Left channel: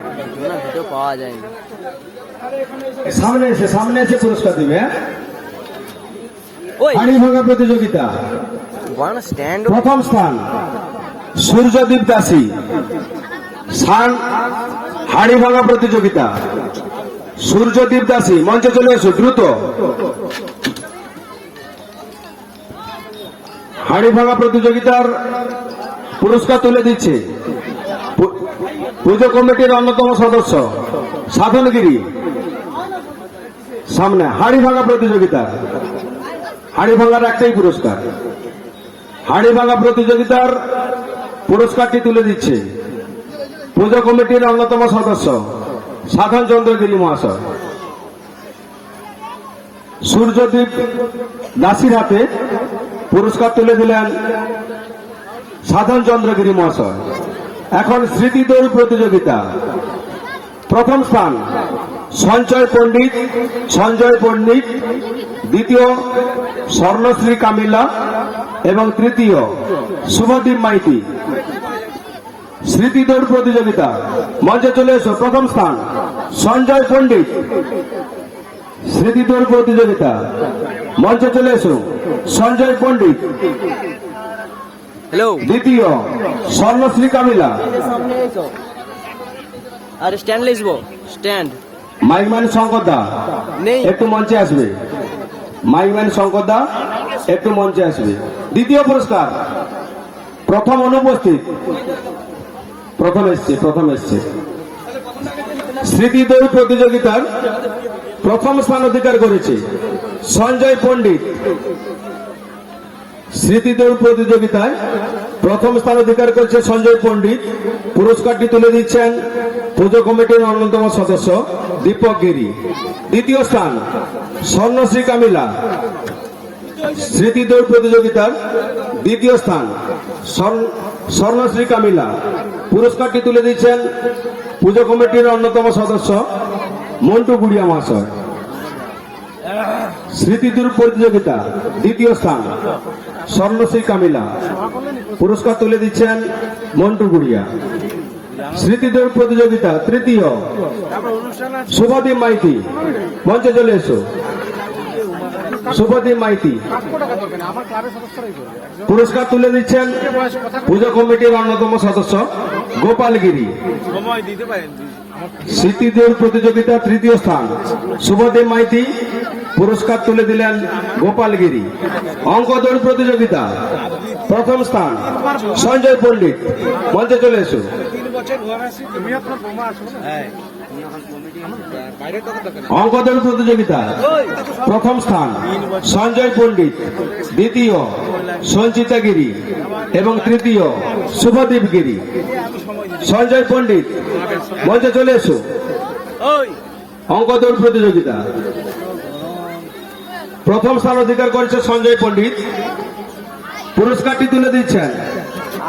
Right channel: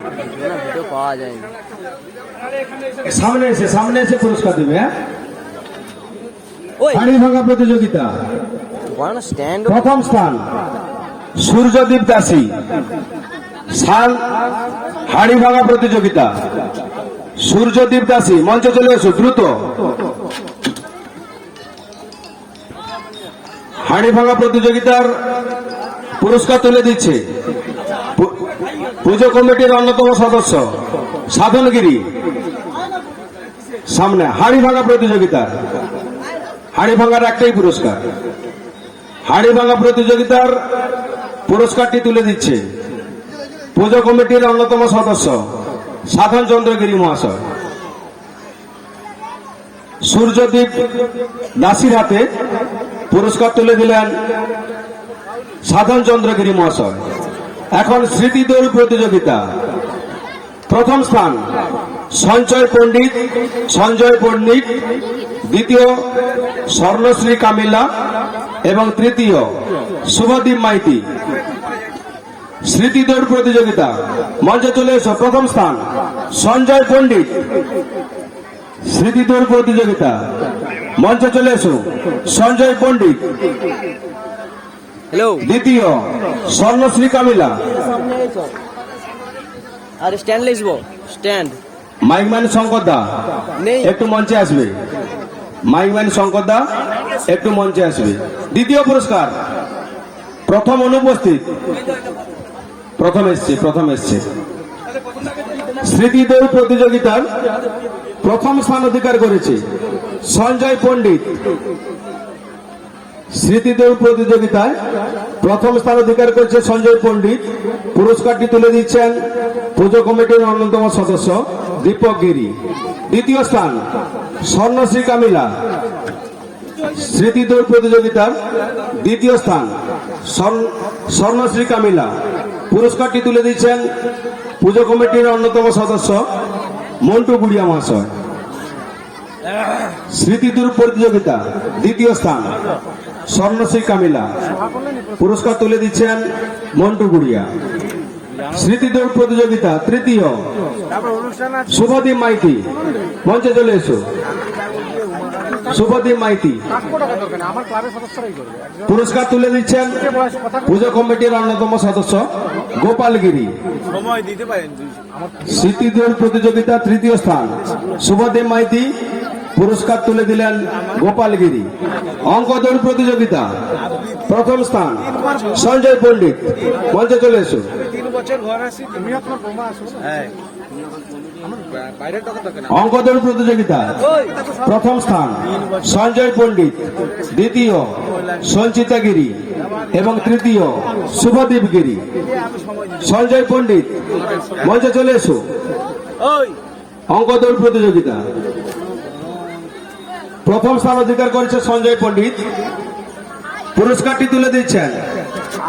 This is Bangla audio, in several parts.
ভিডিও পাওয়া যায় না। সামনে এসে পুরস্কার দেবে। হাড়ি ভাঙা প্রতিযোগিতা প্রথম স্থান সূর্যদীপ দাসী। হাড়ি ভাঙা প্রতিযোগিতা সূর্যদীপ দাসী, মঞ্চে চলে এসো দ্রুত। হাড়ি ভাঙা প্রতিযোগিতার পুরস্কার তুলে দিচ্ছে পুজো কমিটির অন্যতম সদস্য সাধনগিরি। সামনে হাড়ি ভাঙা প্রতিযোগিতা, হাড়ি ভাঙার একটাই পুরস্কার। হাড়ি ভাঙা প্রতিযোগিতার পুরস্কারটি তুলে দিচ্ছে পুজো কমিটির অন্যতম সদস্য সাধন চন্দ্রগিরি মহাশয়। সূর্যদীপ দাসীর হাতে পুরস্কার তুলে দিলেন সাধন চন্দ্রগিরি মহাশয়। এখন স্মৃতি দৌড় প্রতিযোগিতা প্রথম স্থান সঞ্জয় পণ্ডিত, দ্বিতীয় স্বর্ণশ্রী কামিলা এবং তৃতীয় শুভদীপ মাইতি। স্মৃতি দৌড় প্রতিযোগিতা মঞ্চে চলে এসো। প্রথম স্থান সঞ্জয় পণ্ডিত। স্মৃতি দৌড় প্রতিযোগিতা মঞ্চে চলে এসো সঞ্জয় পণ্ডিত। দ্বিতীয় স্বর্ণশ্রী কামিলা। আর স্ট্যান্ড লিখবো, স্ট্যান্ড। মাইকম্যান শঙ্কর দা একটু মঞ্চে আসবে। মাইকম্যান শঙ্কর দা একটু মঞ্চে আসবে। দ্বিতীয় পুরস্কার প্রথম অনুপস্থিত, প্রথম এসছে স্মৃতি দৌড় প্রতিযোগিতার প্রথম স্থান অধিকার করেছে সঞ্জয় পণ্ডিত। স্মৃতি দৌড় প্রতিযোগিতায় প্রথম স্থান অধিকার করেছে সঞ্জয় পণ্ডিত। পুরস্কারটি তুলে দিচ্ছেন পুজো কমিটির অন্যতম সদস্য দীপক গিরি। দ্বিতীয় স্থান স্বর্ণশ্রী কামিলা। স্মৃতি দৌড় প্রতিযোগিতার দ্বিতীয় স্থান স্বর্ণশ্রী কামিলা। পুরস্কারটি তুলে দিচ্ছেন পুজো কমিটির অন্যতম সদস্য মন্টু গুড়িয়া মহাশয়। স্মৃতি দৌড় প্রতিযোগিতা দ্বিতীয় স্থান স্বর্ণশ্রী কামিলা। পুরস্কার তুলে দিচ্ছেন মন্টু গুড়িয়া। স্মৃতি দৌড় প্রতিযোগিতা তৃতীয় শুভদীপ মাইতি। মঞ্চে চলে এসো শুভদীপ মাইতি। পুরস্কার তুলে দিচ্ছেন পুজো কমিটির অন্যতম সদস্য গোপালগিরি। স্মৃতি দৌড় প্রতিযোগিতা তৃতীয় স্থান শুভদীপ মাইতি। পুরস্কার তুলে দিলেন গোপালগিরি। অঙ্ক দৌড় প্রতিযোগিতা প্রথম স্থান সঞ্জয় পণ্ডিত। মঞ্চে চলে এসো। অঙ্ক দৌড় প্রতিযোগিতা প্রথম স্থান সঞ্জয় পণ্ডিত, দ্বিতীয় সঞ্চিতা গিরি এবং তৃতীয় শুভদীপ গিরি। সঞ্জয় পণ্ডিত মঞ্চে চলে এসো। অঙ্ক দৌড় প্রতিযোগিতা প্রথম স্থান অধিকার করেছে সঞ্জয় পণ্ডিত। পুরস্কারটি তুলে দিচ্ছেন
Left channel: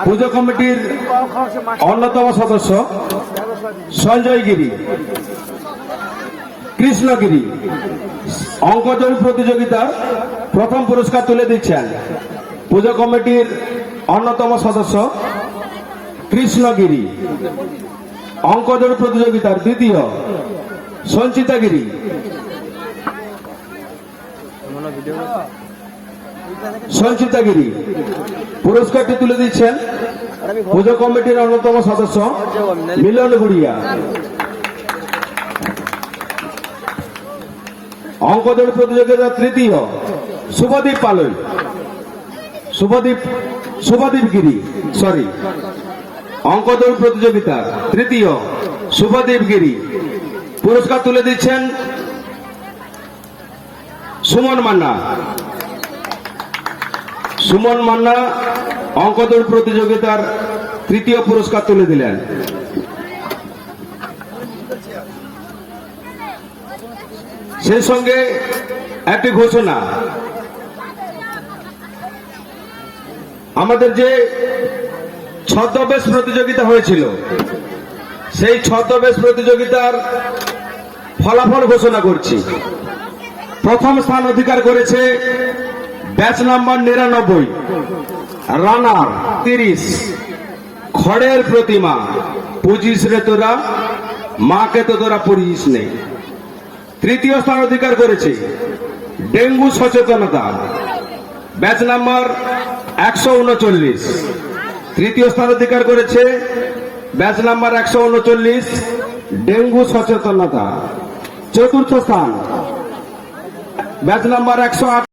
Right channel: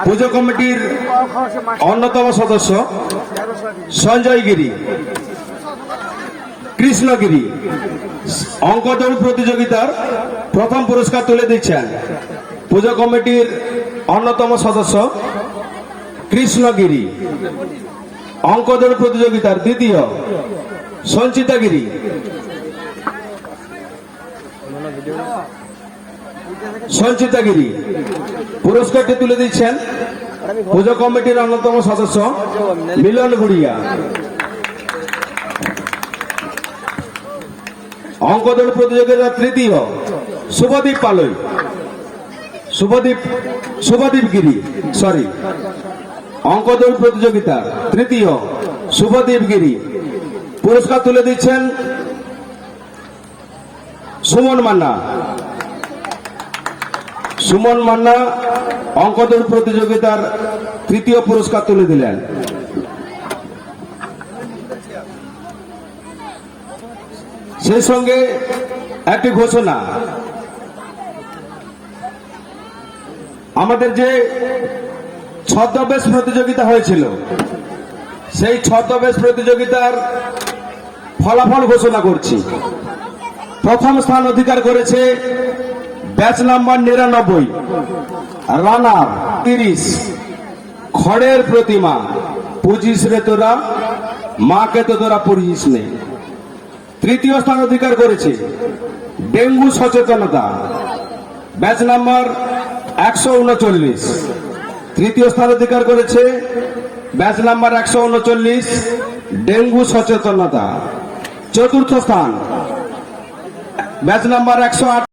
পুজো কমিটির অন্যতম সদস্য সঞ্জয় গিরি, কৃষ্ণগিরি। অঙ্ক দৌড় প্রতিযোগিতার প্রথম পুরস্কার তুলে দিচ্ছেন পুজো কমিটির অন্যতম সদস্য কৃষ্ণগিরি। অঙ্ক দৌড় প্রতিযোগিতার দ্বিতীয় সঞ্চিতা গিরি। সঞ্চিতা গিরি। পুরস্কারটি তুলে দিচ্ছেন পুজো কমিটির অন্যতম সদস্য মিলন গুড়িয়া। অঙ্ক দৌড় প্রতিযোগিতার তৃতীয় শুভদীপ পালই, শুভদীপ গিরি। অঙ্ক দৌড় প্রতিযোগিতার তৃতীয় শুভদীপ গিরি। পুরস্কার তুলে দিচ্ছেন সুমন মান্না। অঙ্ক দৌড় প্রতিযোগিতার তৃতীয় পুরস্কার তুলে দিলেন। সেই সঙ্গে একটি ঘোষণা, আমাদের যে ছদ্মবেশ প্রতিযোগিতা হয়েছিল সেই ছদ্মবেশ প্রতিযোগিতার ফলাফল ঘোষণা করছি। প্রথম স্থান অধিকার করেছে ব্যাচ নাম্বার 99, রানার 30, খড়ের প্রতিমা 25 রেতোরা মাকে তো তোরা পড়িস নেই। তৃতীয় স্থান অধিকার করেছে ডেঙ্গু সচেতনতা, ব্যাচ নাম্বার 139। তৃতীয় স্থান অধিকার করেছে ব্যাচ নাম্বার 139 ডেঙ্গু সচেতনতা। চতুর্থ স্থান ব্যাচ নাম্বার 108।